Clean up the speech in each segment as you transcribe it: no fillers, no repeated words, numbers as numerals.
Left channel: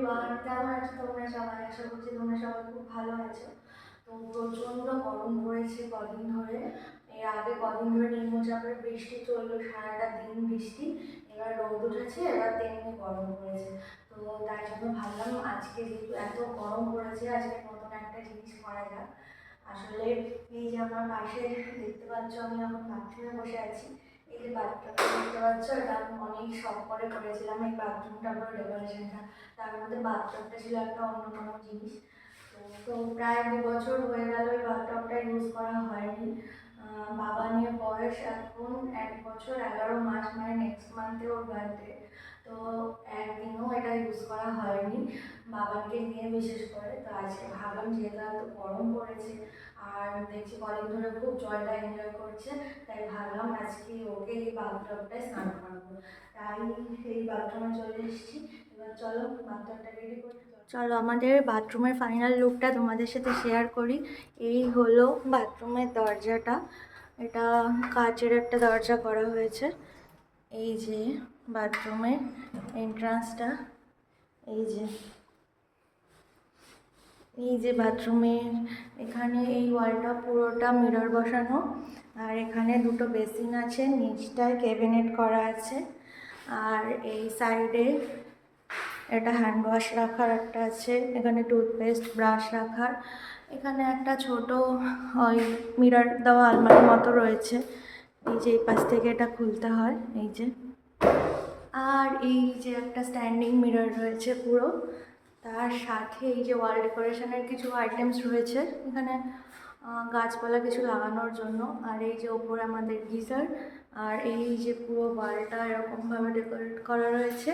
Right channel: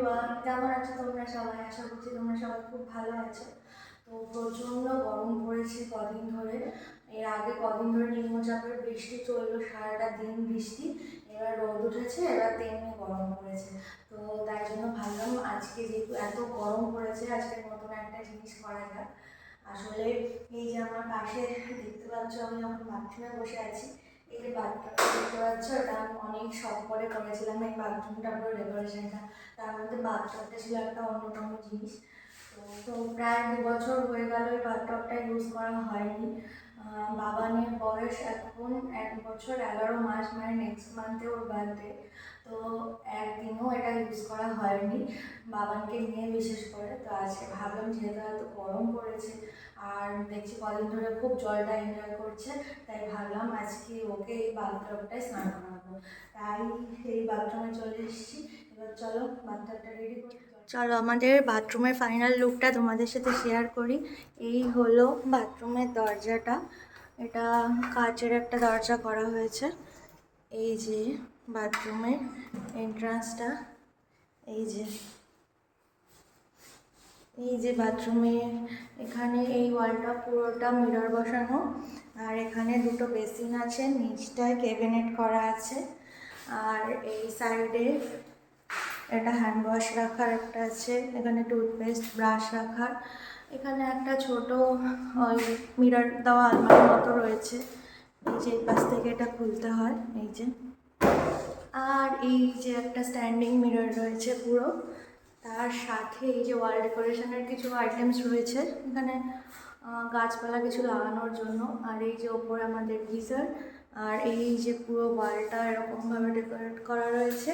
Everyone, কেমন আছো তোমরা সবাই? আশা করছি তোমরা সবাই খুব ভালো আছো। তো প্রচণ্ড গরম পড়েছে কদিন ধরে। এর আগে কদিন ধরে নিম্নচাপের বৃষ্টি চললো, সারাটা দিন বৃষ্টি। এবার রোদ উঠেছে, এবার তেমনি গরম পড়েছে। তো তাই জন্য ভাবলাম আজকে যেহেতু এত গরম পড়েছে, আজকে নতুন একটা জিনিস করা যাক। আসলে এই যে আমার পাশে দেখতে পাচ্ছ, আমি এখন বাথরুমে বসে আছি। এই যে বাথরুমটা দেখতে পাচ্ছ, এটা আমি অনেক শখ করে করেছিলাম। এই বাথরুমটা পুরো ডেকোরেশনটা, তার মধ্যে বাথটবটা ছিল একটা অন্যতম জিনিস। তো প্রায় 2 বছর হয়ে গেল এই বাথটবটা ইউজ করা হয়নি। বাবানের বয়স এখন 1 বছর 11 মাস, মানে নেক্সট মান্থে ওর বার্থডে। তো একদিনও এটা ইউজ করা হয়নি বাবানকে নিয়ে, বিশেষ করে। তো আজকে ভাবলাম যেহেতু এত গরম পড়েছে আর দেখছি কদিন ধরে খুব জলটা এনজয় করছে, তাই ভাবলাম আজকে ওকে এই বাথটবটায় স্নান করাবো। তাই এই বাথরুমে চলে এসেছি। এবার চলো বাথটবটা রেডি করি। চলো আমাদের বাথরুমের ফাইনাল লুকটা তোমাদের সাথে শেয়ার করি। এই হলো বাথরুমের দরজাটা। এটা কাচের একটা দরজা করা হয়েছে। এই যে বাথরুমের এন্ট্রান্সটা, এই যে বাথরুমের এখানে এই ওয়ালটা পুরোটা মিরর বসানো। আর এখানে দুটো বেসিন আছে, নিচটায় ক্যাবিনেট করা আছে। আর এই সাইডে এটা হ্যান্ড ওয়াশ রাখার একটা আছে, এখানে টুথপেস্ট ব্রাশ রাখার। এখানে একটা ছোট ওই মিরর দেওয়া আলমারির মতো রয়েছে। এই যে এই পাশ থেকে এটা খুলতে হয়, এই যে। আর এই যে একটা স্ট্যান্ডিং মিরর রয়েছে পুরো। তার সাথে এই যে ওয়াল ডেকোরেশনের কিছু আইটেমস রয়েছে এখানে, গাছপালা কিছু লাগানোর জন্য। আর এই যে ওপরে আমাদের গিজার। আর এই যে পুরো ওয়ালটা এরকমভাবে ডেকোরেট করা রয়েছে।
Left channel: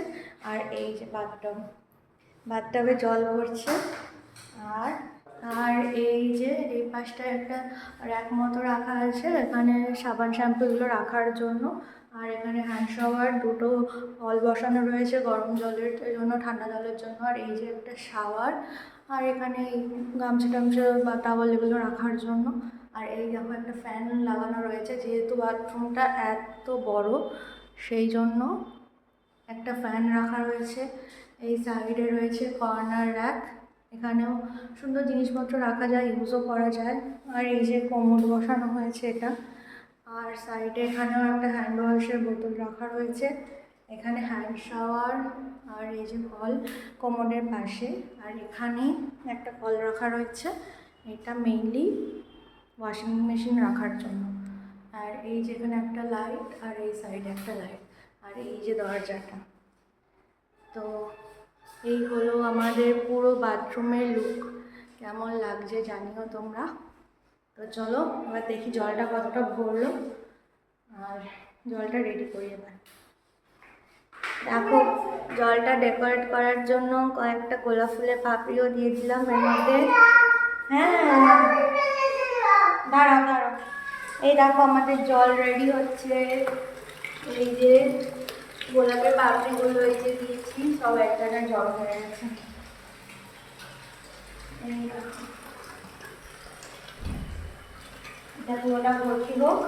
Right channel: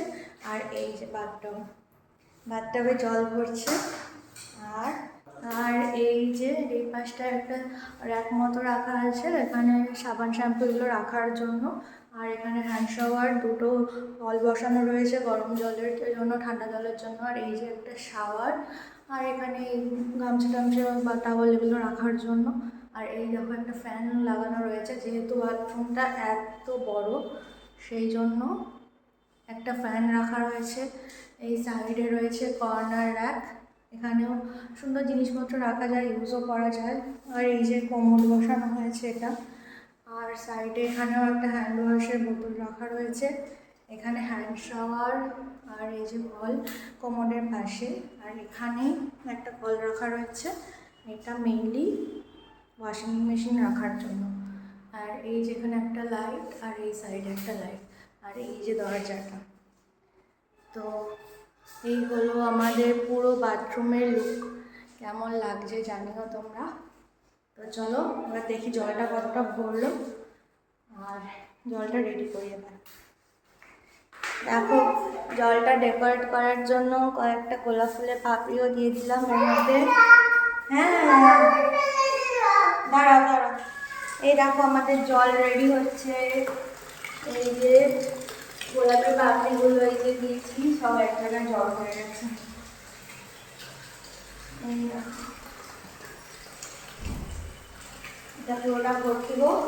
আর এই যে বাথটবে জল ভরছে। আর আর এই যে এই পাশটায় একটা র্যাক মতো রাখা আছে, এখানে সাবান শ্যাম্পুগুলো রাখার জন্য। আর এখানে হ্যান্ড শাওয়ার দুটো কল বসানো রয়েছে, গরম জলের জন্য, ঠান্ডা জলের জন্য। আর এই যে একটা শাওয়ার। আর এখানে এই গামছা টামছা বা টাওয়াল এগুলো রাখার জন্য। আর এই দেখো একটা ফ্যান লাগানো রয়েছে, যেহেতু বাথরুমটা এত বড় সেই জন্য একটা ফ্যান রাখা রয়েছে। এই সাইডে রয়েছে কর্নার র্যাক, এখানেও সুন্দর জিনিসপত্র রাখা যায়, ইউজও করা যায়। আর এই যে কোমোড বসানো হয়েছে এটা। আর সাইডে এখানেও একটা হ্যান্ড ওয়াশের বোতল রাখা রয়েছে। এখানে হ্যান্ড শাওয়ার। আর এই যে কল কোমোডের পাশে। আর এখানে একটা কল রাখা রয়েছে, এটা মেইনলি ওয়াশিং মেশিন রাখার জন্য। আর এই যে এখানে একটা লাইট, আর এই সাইডে একটা লাইট। আর এই যে দরজাটা। তো এই হলো আমাদের পুরো বাথরুমের লুক। কেমন লাগছে জানিও তোমরা। তো চলো এবার দেখি জলটা কতটা ভরলো, আর জলটা রেডি করি এবার। দেখো জলটা ডেকোরেট করার জন্য কয়েকটা গোলাপ ফুলের পাপড়িও দিয়ে দিলাম এর মধ্যে। হ্যাঁ দাঁড়াও দাঁড়াও, এই দেখো আমাদের জল রেডি হচ্ছে। এই যে গোলাপের পাপড়িগুলো এই যে দিয়েছি, সব এক জায়গায় জল হয়ে গেছে। এই দেখো, এটা পুরোটা ভর্তি হোক,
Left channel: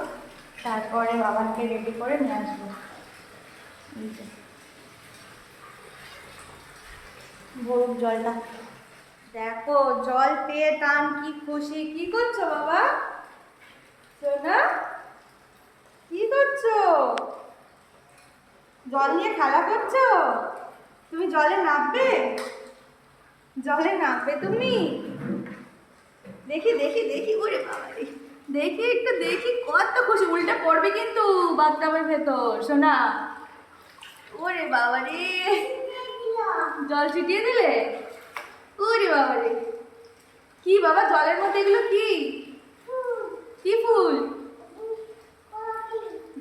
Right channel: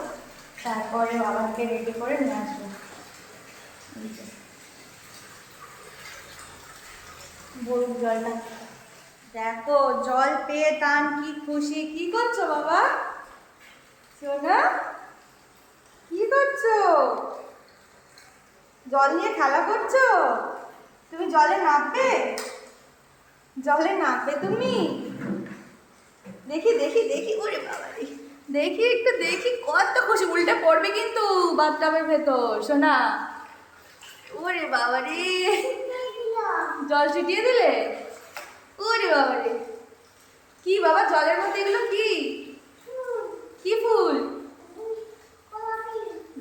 তারপরে বাবাকে রেডি করে নিয়ে আসবো। এই যে ভরুক জলটা। দেখো জল পেয়ে টান কি খুশি। কি করছো বাবা? সোনা কি করছো? জল নিয়ে খেলা করছো? তুমি জলে নামবে? জলে নামবে তুমি? দেখি দেখি দেখি, ওরে বাবা রে, দেখি একটু দেখি। কত খুশি, উল্টে পড়বে কিন্তু বাথটবের ভেতর সোনা। ওরে বাবা রে, জল ছিটিয়ে দিলে? ওরে বাবা রে, কি বাবা জলের মধ্যে এগুলো কি? কি ফুল?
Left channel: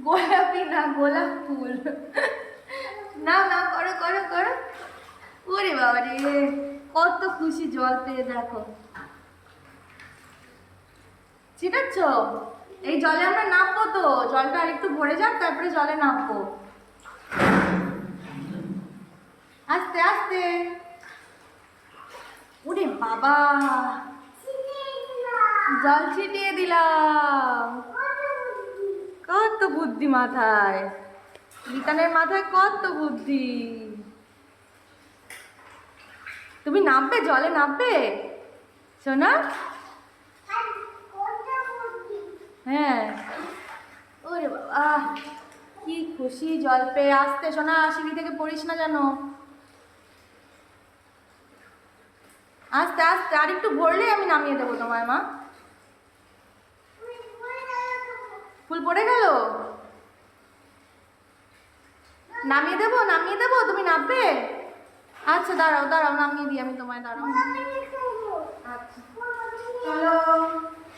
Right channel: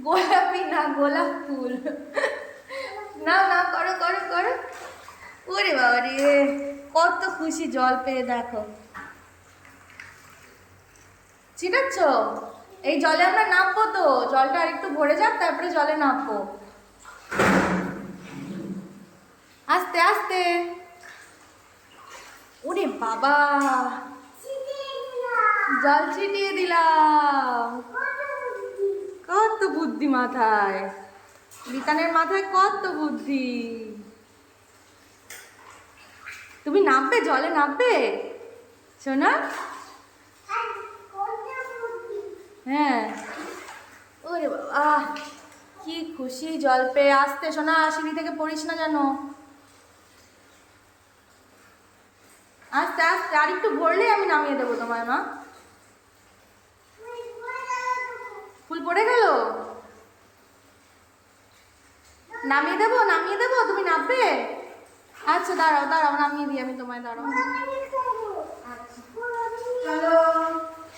গোলাপি না, গোলাপ ফুল। না না, করো করো করো। ওরে বাবা রে, কত খুশি জল পেয়ে। দেখো ছিটাচ্ছ? এই জলে আমরা নামবো তো, জলটা আরেকটু ভরে যাক তারপরে জলে নামবো। আস্তে আস্তে। ওরে বাবা, জল ছিটিয়ে দিলাম। কত বুদ্ধি মাথায়, রিতানের মাথায় কত বুদ্ধি। তুমি নামবে, জলে নামবে সোনা? হ্যাঁ। ওরে বাবা কি খুশি জল পেয়ে। আসতে সোনা, সিঁড়ি থেকে পড়িস না যেন। আস্তে আস্তে, আর একটু ভরলেই আমি নামিয়ে দেবো তোমায় মা। ফুল পড়ে গেল, নামিয়ে দেবো নামিয়ে দেবো, তুমি নামবে? আচ্ছা দাঁড়াও দাঁড়াও, নামিয়ে দিই আমি তোমায়, দাঁড়াও। আচ্ছা চলো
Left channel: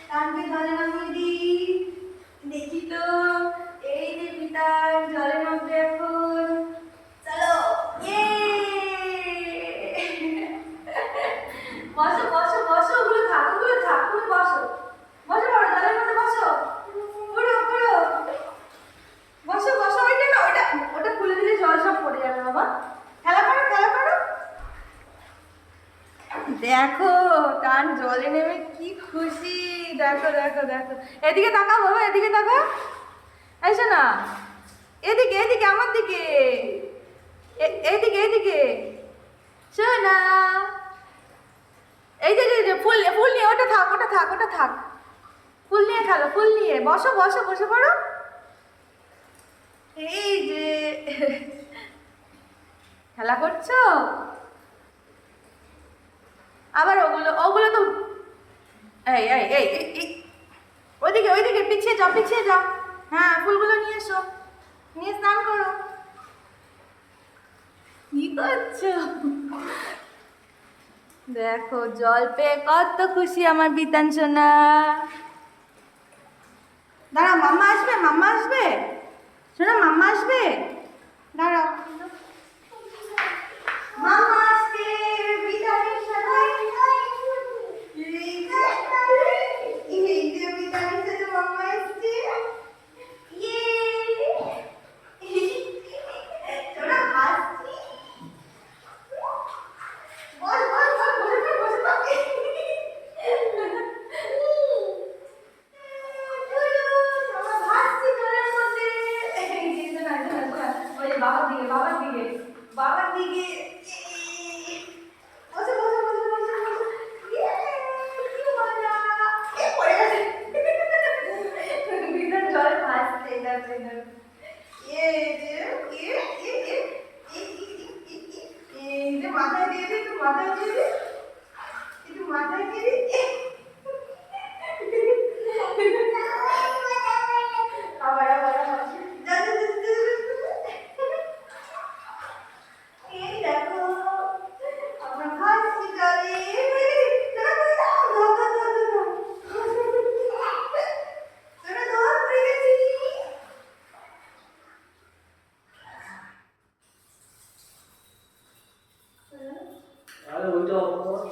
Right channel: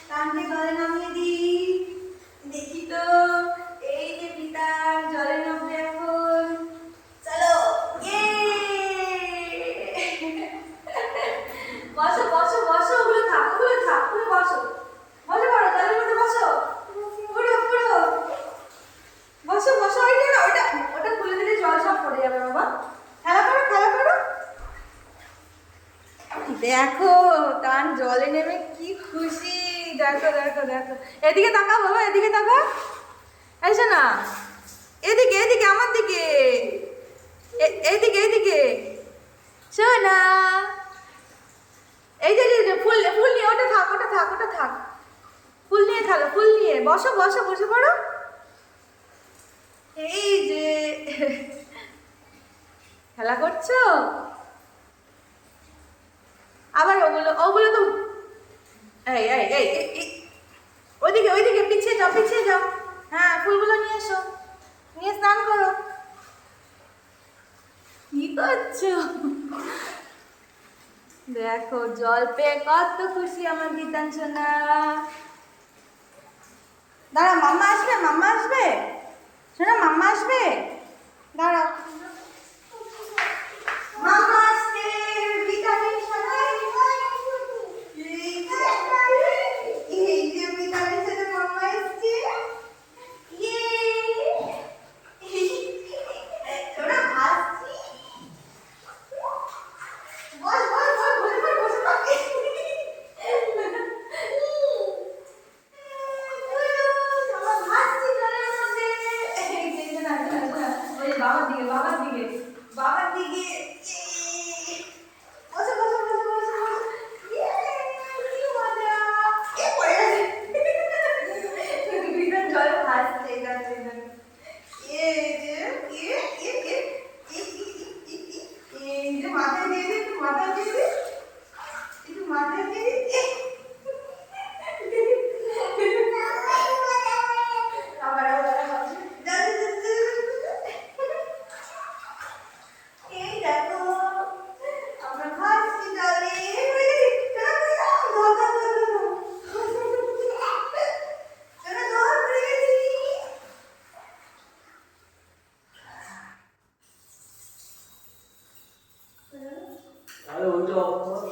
টানকে জলে নামিয়ে দিই। দেখি তো, এই যে পিতার জলে নামবে এখন। চলো, বসো বসো বসো, ওগুলো থাক ওগুলো থাক, তুমি বসো বসো, পড়ো জলের মধ্যে বসো, পুরো পুরো বসো বসো। ওইটা না, ওটা ওটা খুলে দিলে জল সব পড়ে যাবে বাবা। খেলা করো খেলা করো। দেখো টান জলে নেমে কি খুশি, দেখো দেখো দেখো। এদিকে তাকাও বাবা, এদিকে তাকাও। এসো না, এদিকে এদিকে আমার দিকে, এইদিকে এইদিকে শোনা। এই যে ফুল ফুল নিয়ে, ওটা থাক ওটা থাক ওটা থাক, ফুল নিয়ে খেলো, ফুল নিয়ে বসো বসো, বসে পড়ো। এই যে খেলা করছো, আবার ওগুলো ওগুলো তো, এই এই এই ওইদিকে ওইদিকে পিছিয়ে যাও পিছিয়ে যাও। হ্যাঁ ফুলগুলো নিয়ে এসো, নিয়ে স্নান করো। কি করছো? দেখো জল পেয়ে কত খুশি আমার বিতান সোনা। দাঁড়াও, মাম্মা আসবে, মাম্মা আসবে শোনা, মাম্মা আসবে, দাঁড়াও। মাম্মা আসছে বিতানের সাথে, এই যে বিতানের সাথে মাম্মা এসছে। সোনা হাসছি, বস বস বস, বসে পড় বসে পড়। বাবার দিকে বাবার দিকে বাবার দিকে, বসে বসে বসে বসে বসে। কি মজা, পড়ে গেছে বিধান জলে ভাসছে, যাচ্ছে এই যে এই যে মাথায় দিয়ে দে, একটু মাথায় দিয়ে দে, একটু মাথায় দিয়ে দে। আবার আবার আবার এই দেখো আমরা ভাসছি জলে। আরে ওইটা অফ কর।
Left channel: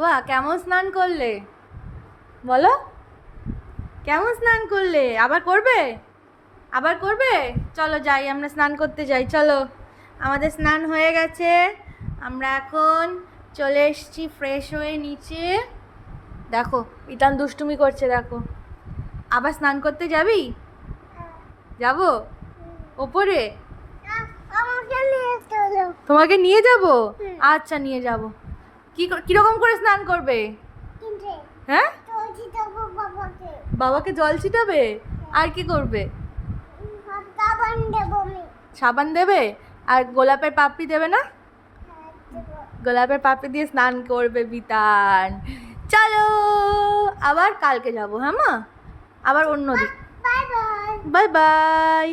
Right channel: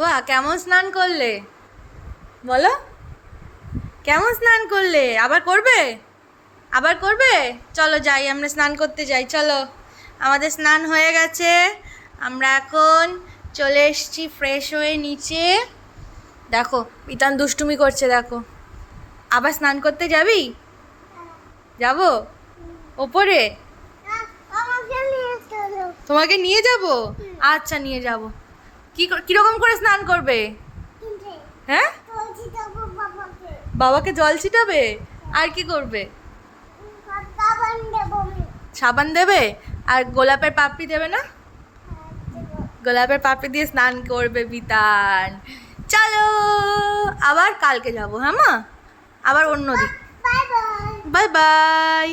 বাহ, কেমন স্নান করলে বলো? কেমন স্নান করলে? আবার করবে? আবার করবে? চলো যাই, আমরা স্নান করতে যাই, চলো। আমাদের স্নান হয়ে গেছে, আমরা এখন চলে এসেছি ফ্রেশ হয়ে নিচে। দেখো ইতান দুষ্টুমি করছে, দেখো। আবার স্নান করতে যাবি? যাবো ওপরে? তোমাকে নিয়ে যাব? আচ্ছা নিয়ে যাব। কিরকম করে স্নান করবে? হ্যাঁ, বাবাকে জল ছিটাবে? আর কি করবে? সাবান দেবে? আর গোলাপের পাপড়ি দেবে না? গোলাপের পাপড়ি দিয়ে স্নান করবে বিতান। চলো আবার কালকে যাবো, হ্যাঁ মা? আবার অন্য দিন। Bye bye.